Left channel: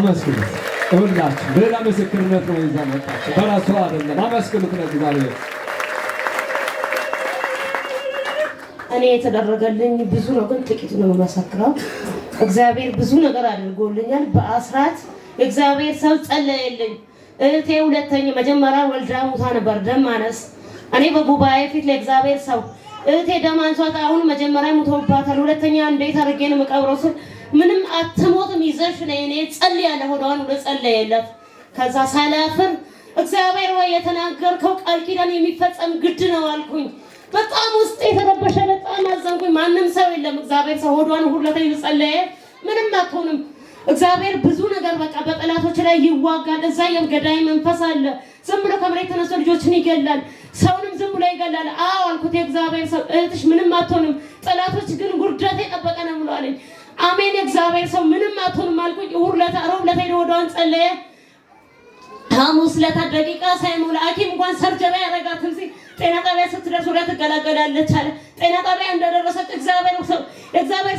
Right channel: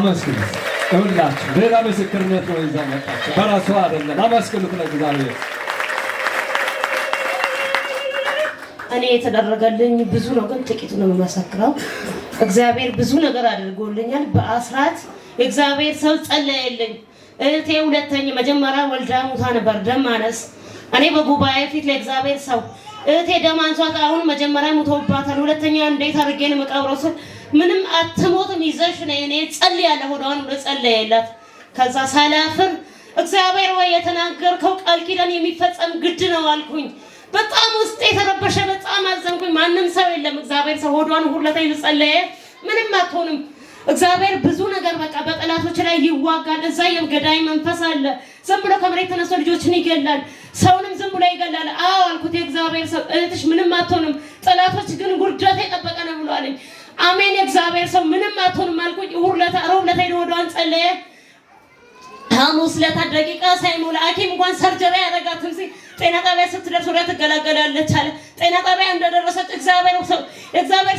አመስግኑ። ሁላችሁ ሌላ ምስክርነት ነው ይዛ መጣችሁ። በራሱ አይደለም። አመስግኑት ለእግዚአብሔር። እኔ የተደረገልኝ ብዙ ነው፣ ግን ጥቂት ነው የምመሰክረው። እግዚአብሔር ብዙ ነገር አድርጎልኛል። በአስራት እግዚአብሔር ሰው ጸለየልኝ። እህቴ ሁለተኛ መጀመሪያ ወልዳ ሙታ ነበር፣ ደም ማነስ። እኔ በጉባኤ ፊት ለእግዚአብሔር ሰው እህቴ ደም አንሷት፣ አሁን መጀመሪያ ሙተውባታል፣ ሁለተኛ እንዴት አድርጌ ነው የምቀብረው ስል ምንም አትሞትም ይዘሽ ነይ እኔ ጸልያለሁ ሆዷን ወደ ጸለየላት። ከዛ ሳላፍር እግዚአብሔር ወይ የተናገርከው ቃል ኪዳን የሚፈጸም ግድ ነው አልኩኝ። በጣም ውስጥ የተረበሸ በጣም አዘንኩኝ። ማንም ሰው የለም። እግዚአብሔር ሰው ሆዷን ሁለታ ይጸለየ ምንም አትሆንም። እግዚአብሔር ብዙ ነገር በቃ በጠላቶች ላይ ይዋጋል። እዛ የገዳይ መንፈስ አለ። ዝም ብሎ ከመሬት ተነስቶ ልጆችን ይገላል፣ ሰውንም ዝም ብሎ ይገላል። አዎ አልኩት የእግዚአብሔር ሰው እህትሽ ምንም አትሆንም፣ ጠላቶች ግን ጉርደት የጠበቀ ነው ብሏልኝ። አሜን የእግዚአብሔር ሰው ምንም አትሆንም አልኩኝ። ሮብ ዕለት ሆዷን ጸለየ። ሐሙስ ዕለት ደቂቃ ሳይሞላ ሐኪም እንኳን ሰርጀሪ ያደረጋትም ሲል ጤና ጣቢያ ስትደርስ ወደ ትገላገላለች አለ። ጤና ጣቢያ እንደደረሰች እግዚአብሔር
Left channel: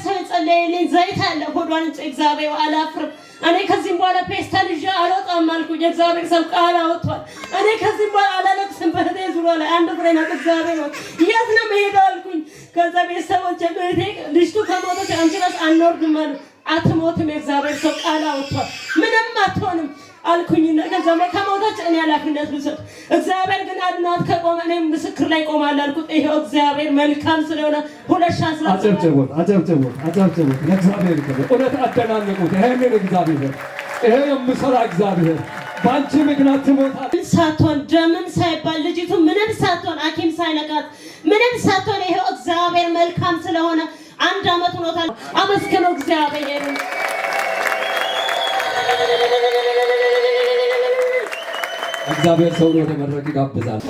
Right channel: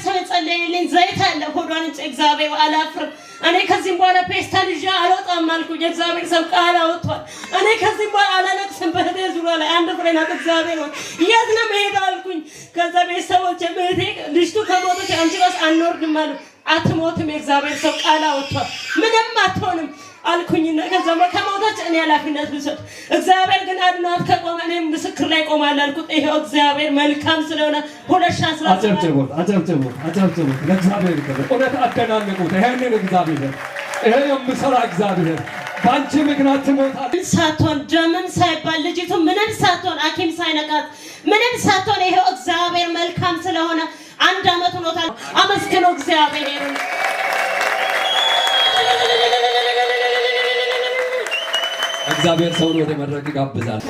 ሰው የጸለየልኝ ዘይት አለ ሆዷን እግዚአብሔር አላፍርም። እኔ ከዚህም በኋላ ፔስታል ይዤ አልወጣም አልኩኝ። እግዚአብሔር ሰው ቃል አወጥቷል። እኔ ከዚህም በኋላ አላለቅስም። በህቴ ዙሪያ ላይ አንድ ፍሬ ናት። እግዚአብሔር የት ነው የምሄደው አልኩኝ። ከዛ ቤተሰቦቼ እህቴ ልጅቱ ከሞተች አንቺ ራስ አንወርድም አሉ። አትሞትም፣ የእግዚአብሔር ሰው ቃል አወጥቷል። ምንም አትሆንም አልኩኝ። ከዛ ከሞተች እኔ ኃላፊነት ብሰጥ እግዚአብሔር ግን አድኗት ከቆመ እኔም ምስክር ላይ ቆማለሁ አልኩት። ይሄው እግዚአብሔር መልካም ስለሆነ 2017 አጨብጭቡት ለእግዚአብሔር ይክበር። እውነት አደናንቁት። ይሄንን እግዚአብሔር ይሄ የምሰራ እግዚአብሔር ባንቺ ምክንያት ትሞታለች ሳትሆን ደምን ሳይባል ልጅቱ ምንም ሳትሆን ሐኪም ሳይነቃት ምንም ሳትሆን ይሄው እግዚአብሔር መልካም ስለሆነ 1 ዓመት ሆኖታል። አመስግኑ እግዚአብሔር። እግዚአብሔር ሰውን ወደ መድረክ ይጋብዛል።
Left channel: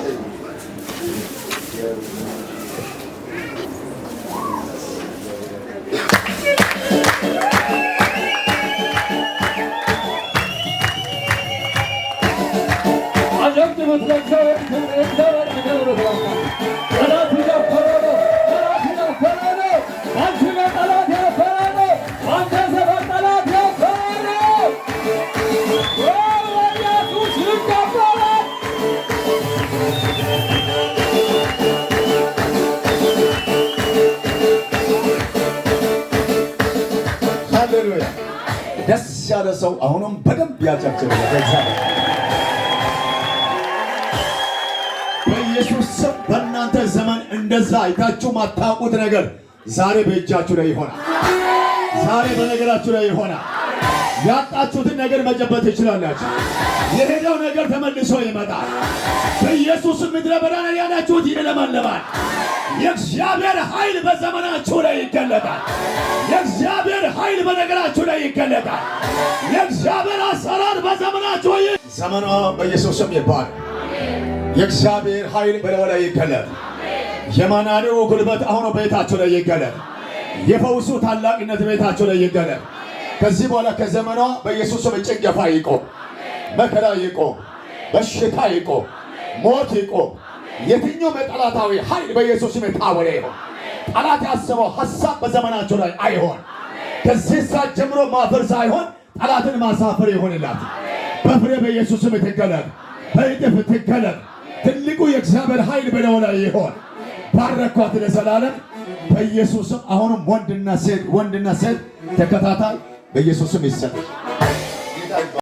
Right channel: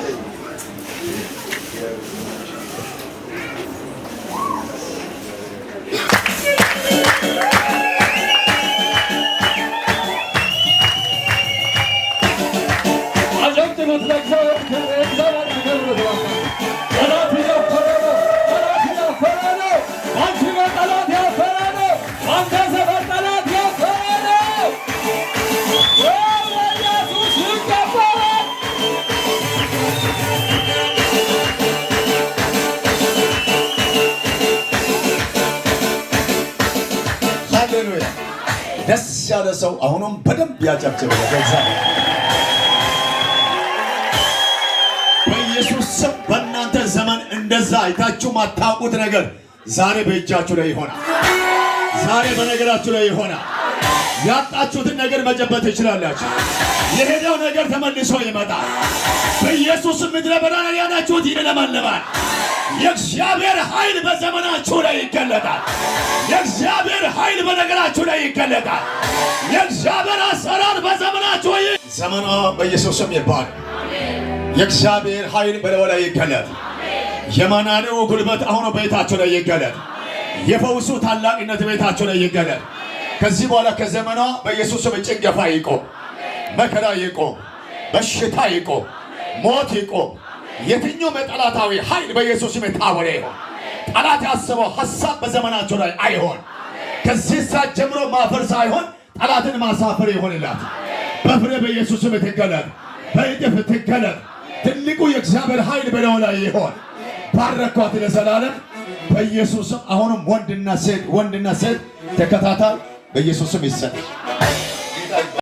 ደስ ያለ ሰው አሁንም በደንብ ያጨብጭባል። እግዚአብሔር በኢየሱስ ስም በእናንተ ዘመን እንደዛ አይታችሁ ማታውቁት ነገር ዛሬ በእጃችሁ ላይ ይሆናል። ዛሬ በነገራችሁ ላይ ይሆናል። ያጣችሁትን ነገር መጨበጥ ትችላላችሁ። የሄደው ነገር ተመልሶ ይመጣል። በኢየሱስ ምድረ በዳ ላይ ያላችሁት ይለመልማል። የእግዚአብሔር ኃይል በዘመናችሁ ላይ ይገለጣል። የእግዚአብሔር ኃይል በነገራችሁ ላይ ይገለጣል። የእግዚአብሔር አሰራር በዘመናችሁ ዘመኗ በኢየሱስ ስም ይባል። የእግዚአብሔር ኃይል በላዩ ላይ ይገለጥ። የማናኔው ጉልበት አሁን ቤታችሁ ላይ ይገለጥ። የፈውሱ ታላቅነት ቤታችሁ ላይ ይገለጥ። ከዚህ በኋላ ከዘመኗ በኢየሱስ ስም ጭንገፋ ይቆም፣ መከራ ይቆም፣ በሽታ ይቆም፣ ሞት ይቆም። የትኛው መጠላታዊ ኃይል በኢየሱስ ስም የታወረ ይሆን። ጠላት ያሰበው ሐሳብ በዘመናቸው ላይ አይሆን። ከዚህ ሰዓት ጀምሮ ማፈር ሳይሆን ጠላትን ማሳፈር ይሆንላት። በፍሬ በኢየሱስ ስም ትገለጥ፣ በእጥፍ ትገለጥ። ትልቁ የእግዚአብሔር ኃይል በላዩ ላይ ይሆን። ባረኳት ለዘላለም በኢየሱስ ስም። አሁንም ወንድና ሴት ተከታታይ በኢየሱስ ስም ይሰጥ።